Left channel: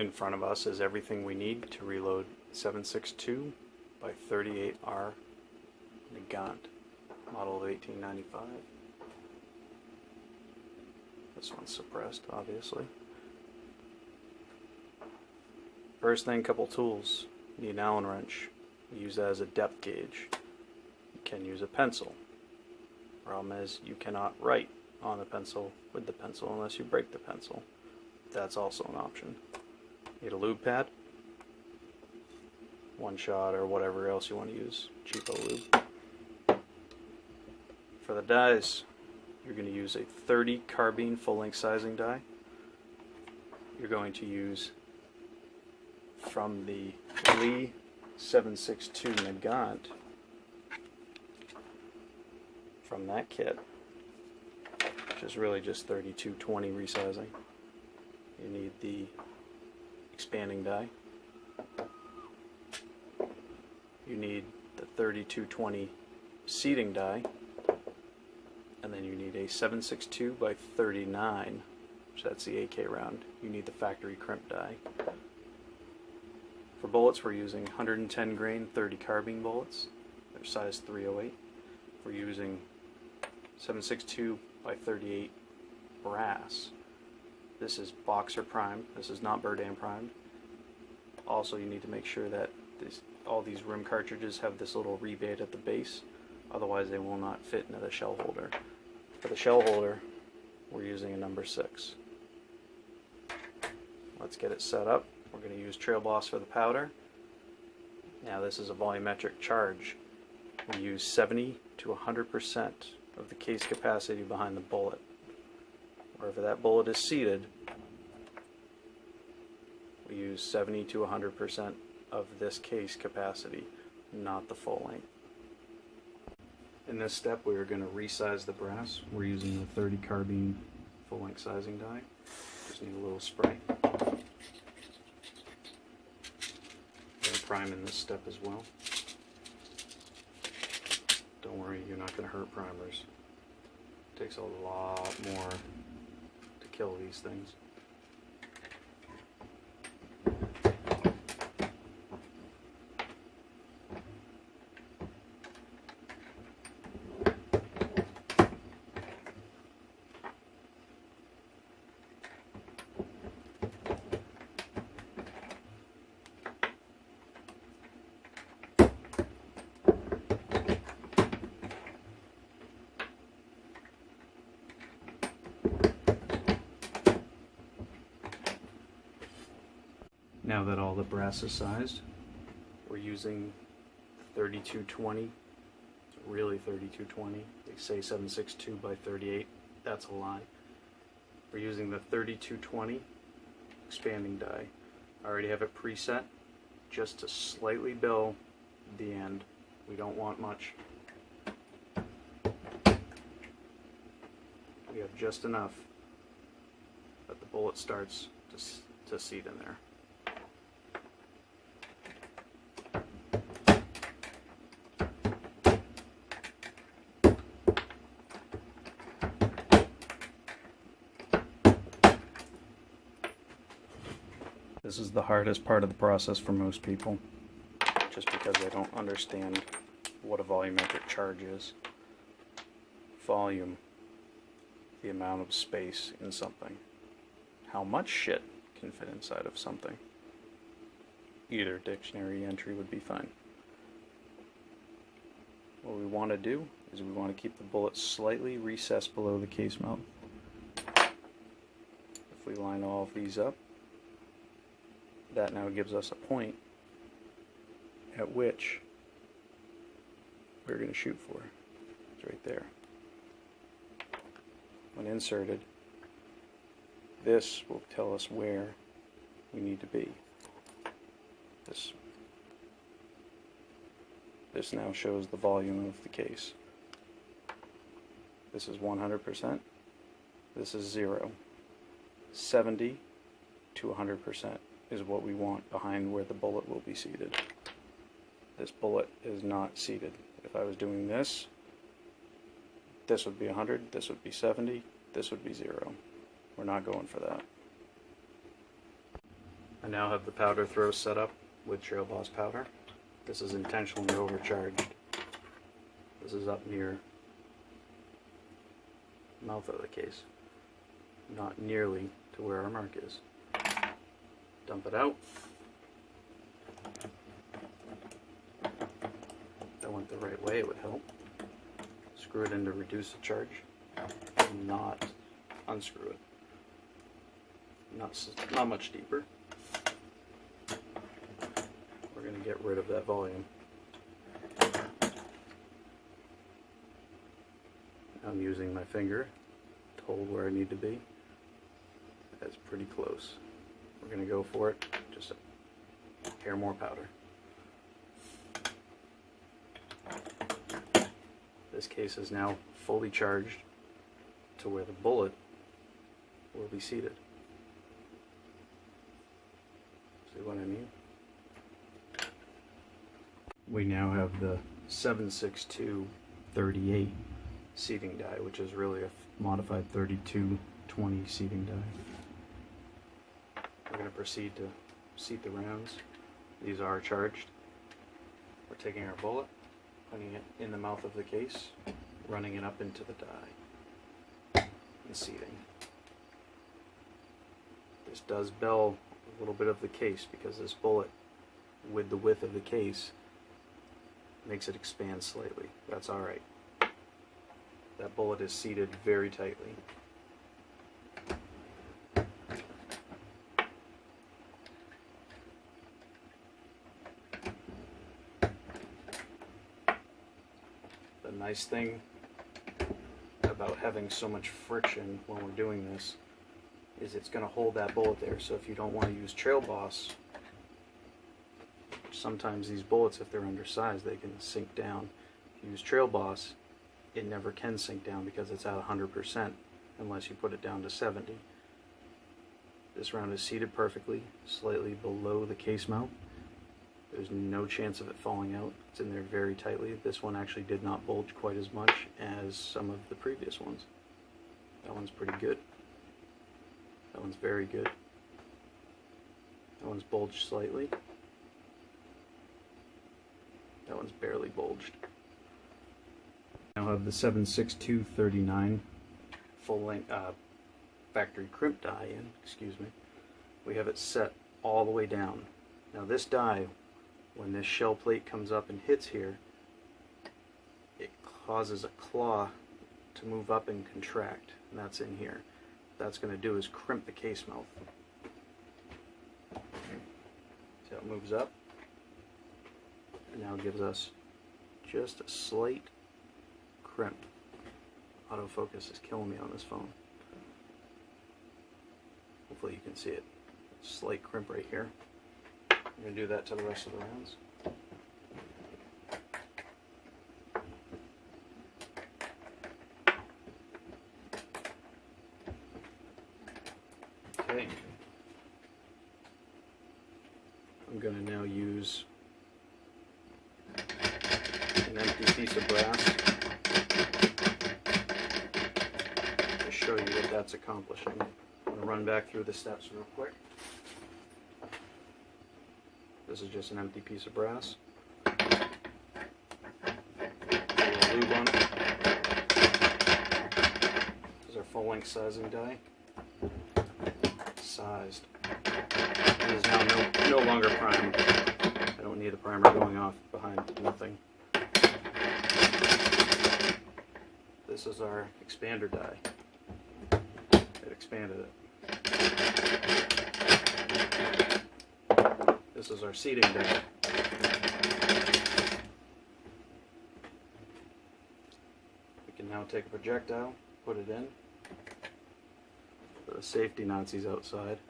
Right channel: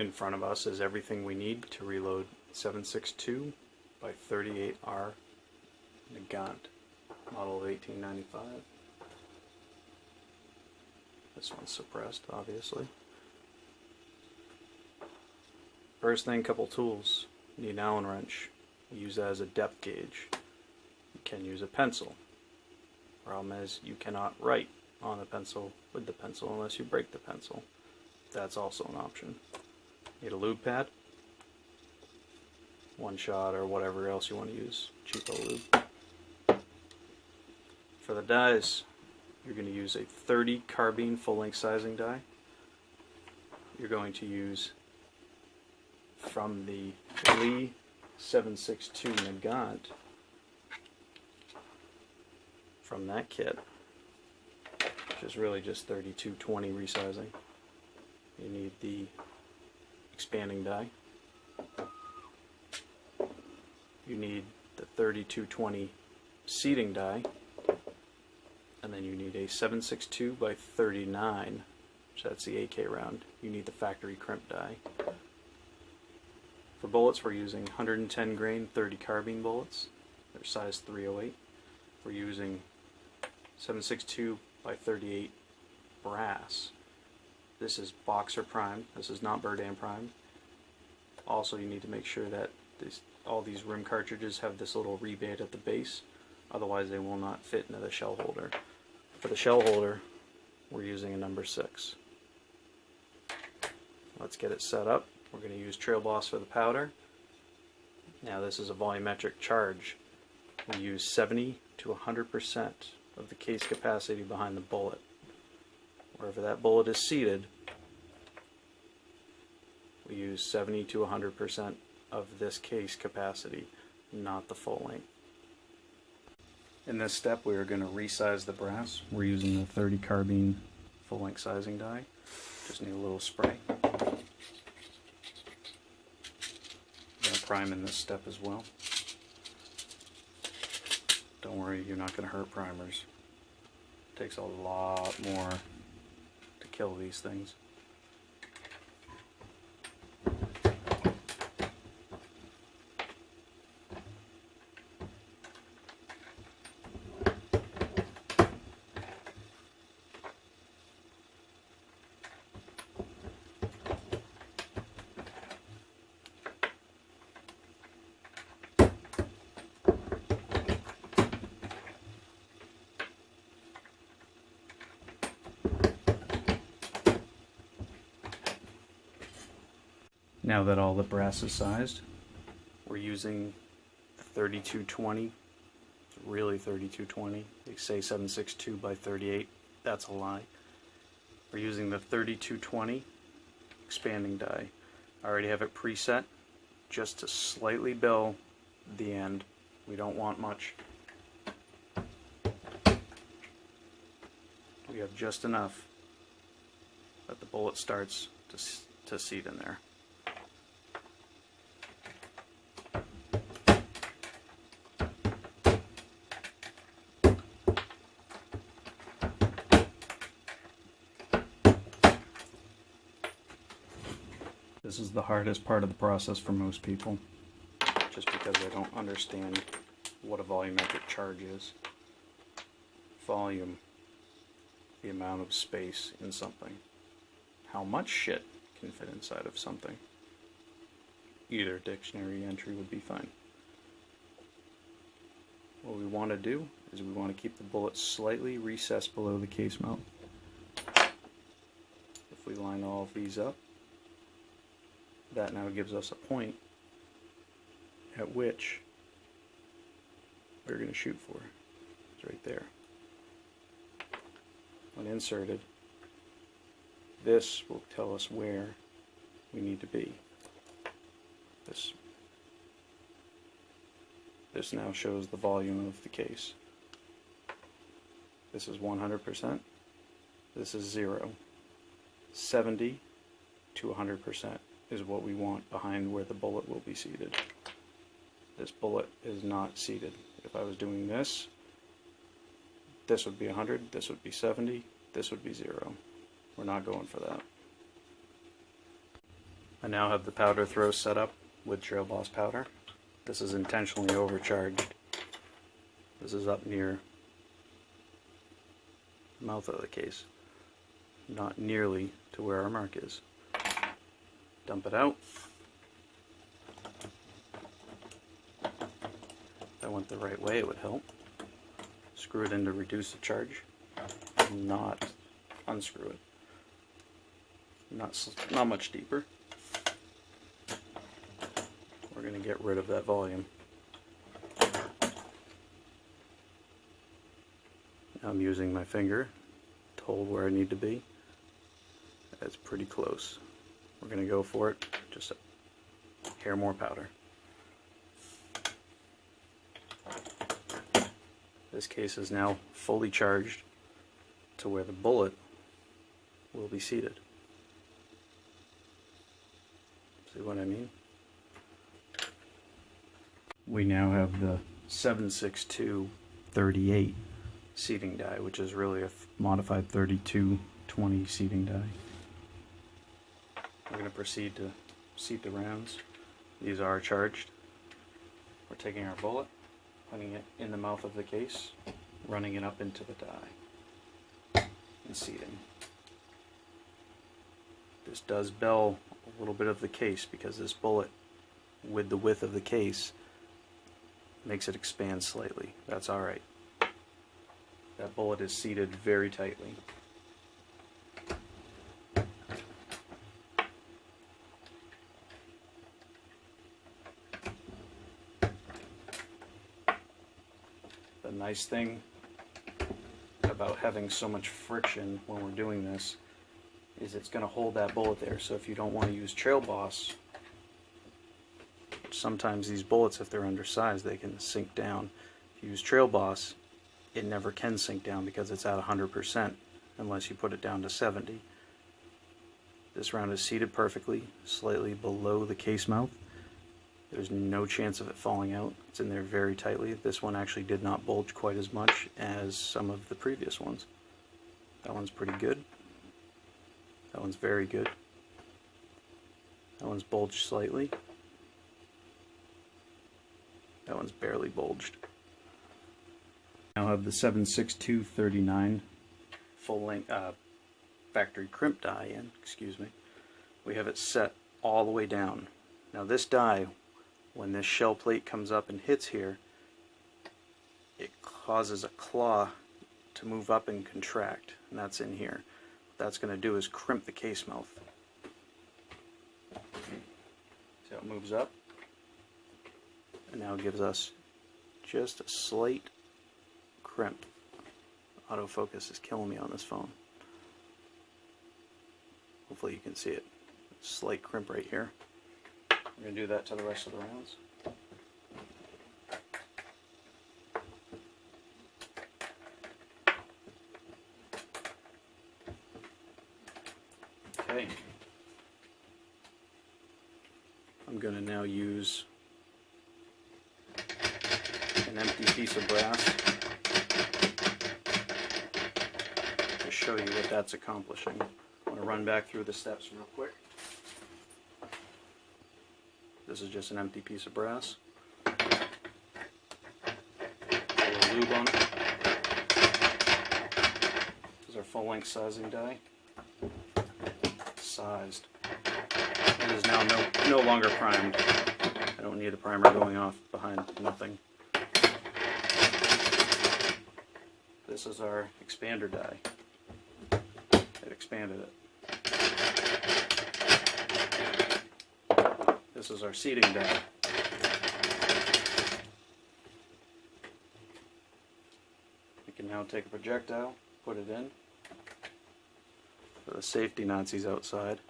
In front of us is everything we need to reload 7.62 by 38R Nagant, model of 1895. This one's suppressed, obviously. First thing, couple tools. You need an Allen wrench. You use that as a depth gauge. You can use a pencil. Problem is, you cannot write on the pencil with the pencil unless you break the pencil. That's also an option. You need a lube pad, one shot or whatever else you want to use, cheapo lube. For the dies, you're going to use a 30 carbine full-length sizing die. You're going to use from the Lee 7.62 Nagant, from that kit, which is really just 3220 resizing. You need the expanding die. You need the 3220 seating die, and then you need a 7.62 by 39, so that's the AK round. You need the Factory Crimp Die. For bullets, we're using 110 grain 30 carbine bullets. They're size 308. We're using 7.62 by 38 brass. This is boxer primed. This is not Burdan primed. Also, you need to make sure that all these rim cartridges have this little rebate at the base, otherwise they will not fit into the shell holder. For the shell holder, we're using a number 6. Let's get it set up. We're going to use Trailboss for the powder. Now this is a volumetric charge. We use 70 to 100% of the case capacity behind the bullet. Wherever that bullet is seated, we use 70 to 100% of this case capacity, not the full length. In this step, we're going to resize the brass. We're using the 30 carbine full length sizing die. Just need a little spray. Prime in this step as well. Don't worry, you're not going to hurt primers. It takes a lot more to kill these things. Now that all the brass is sized, we're using 3220, really 3220. They say 7.62 by 38, that's a lie. We're using the 3220 expanding die. I already have it preset just to slightly bill the end. We don't want much. We have just enough that the bullet starts to seat in there. This is the hardest part of the process for most people, just because they don't understand what a volumetric charge is. Volume, the amount of space in something. How much shit can fit inside of something. Either dictionary entry would be fine. What we want to do is we want to keep the bullet slightly recessed below the case mount. If we line all of these up, that now gives us a point at which we're going to shoot for. It's right there. When inserted, this will tell us where we need to be. This now shows the volume of the case. This is 100%. This is 0. 70 to 100% is what we want behind where the bullet will be seated. This bullet is not seated. If I was doing this, this would be 100, this would be 70, this would be 0. We're not going for that. I now have the powder throw set up with Trailboss powder. This is intentionally overcharged. This is up near the mouth of the case, not nearly to where our mark is. Dump it out. If I went the right way, it would help. Screw it in to reduce the charge, not unscrew it. Not much deeper. We're going to get rid of that volume. I'm using my finger to hold where I need to be. That's pretty close. We're going to go for it, just a hair more powder. This case is now fully charged to where the bullet will be seated. See what I mean? We now have the 7.62-38 seating die, which is really a modified 32-20 seating die. We're going to proceed to seat the rounds. These are charged. We're taking our bullet, putting it in the mouth of the case, running it up into the die, and seating. This does bell a little bit of the case because this bullet, with the width of the case, makes it expand slightly. That's alright. That bullet is seated very tightly. The nice thing about having so much friction when we're doing this is it's going to hold that bullet there. So if you don't want to use Trailboss, sometimes these bullets, if they're undersized, they can sink down. If you use Trailboss, it never can sink down because it's at 100% unless you put it down to 70. This round is seated perfectly, slightly below the case mouth. There's no chance of it falling out. It's in there very tightly. This one actually did not bulge quite as much as some of the previous ones. That one's pretty good. That one's very good. That one's bulged slightly. That one's barely bulged. Now I have the 7.62-39 full length factory crimp die in. Excuse me. We have it set all the way down. Now this die, when this shell plate comes up and hits here, it causes a claw to move up and contract, and that's in here. What that's going to do is crimp the case mouth. See how it moves up? And now it gives us just a slight crimp. Autofocus is killing me on this phone. Hopefully you can see it. Slight crimp right here. I'm going to do that to the rest of the rounds. Okay. I'm going to now use an empty piece of brass to show you what that's accomplishing. I'm going to run back through the steps real quick. This is just an empty piece of brass. Lube on it. This is our full length sizing die. Sized. It is now no longer primed. I don't need a primer going off behind nothing. This is our expander die. It expanded it. This is our seating die. We can now take a projectile, put it in. For the safety Nazis outside,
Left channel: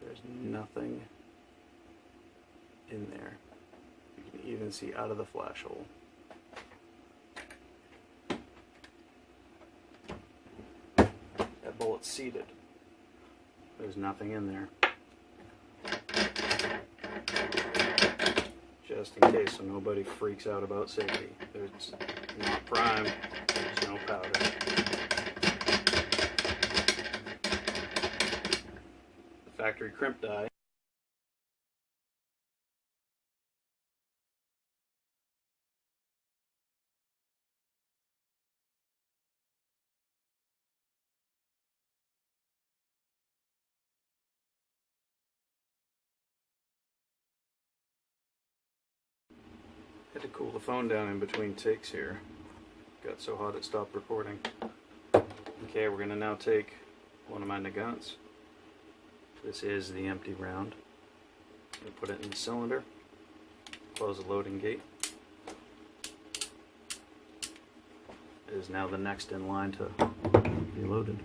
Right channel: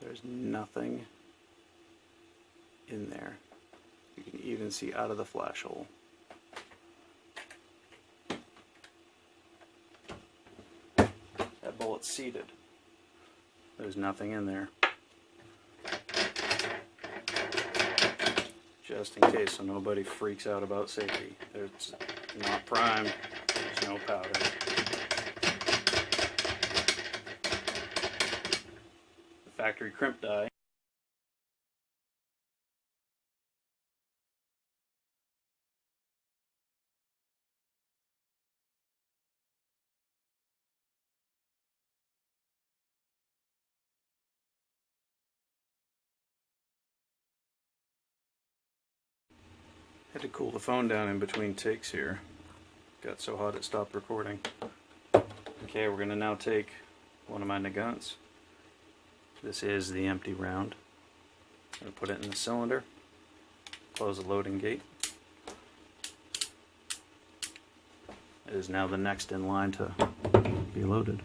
there's nothing in there. You can even see out of the flash hole. That bullet's seated. There's nothing in there. Just in case so nobody freaks out about safety. It's not primed, there's no powder. The factory crimp die Had to cool the phone down in between takes here. Got so hot it stopped recording. Okay, we're going to now take one of my Nagants. This is the empty round. I'm going to put it in the cylinder, close the loading gate. It is now the next in line to be loaded.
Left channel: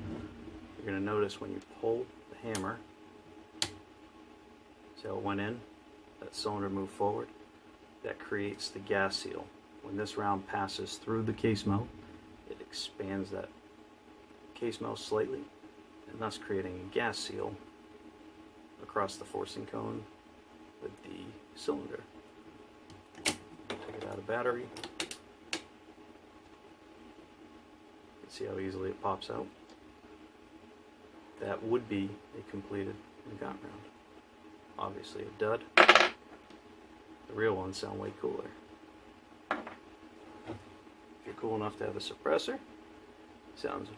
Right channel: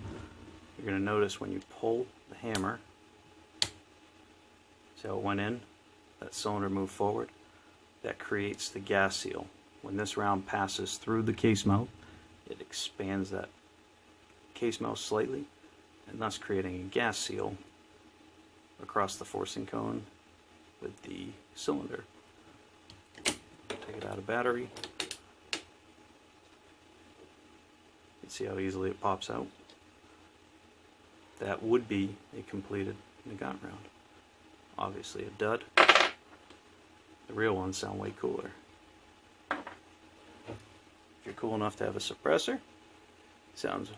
You're going to notice when you pull the hammer, see how it went in? That cylinder moved forward. That creates the gas seal. When this round passes through the case mouth, it expands that case mouth slightly, and thus creating a gas seal across the forcing cone with the cylinder. Take it out of battery. You can see how easily it pops out. That would be a completed Nagant round. Obviously a dud. The real ones sound way cooler. If you're cool enough to have a suppressor, it sounds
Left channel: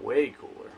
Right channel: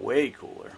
way cooler.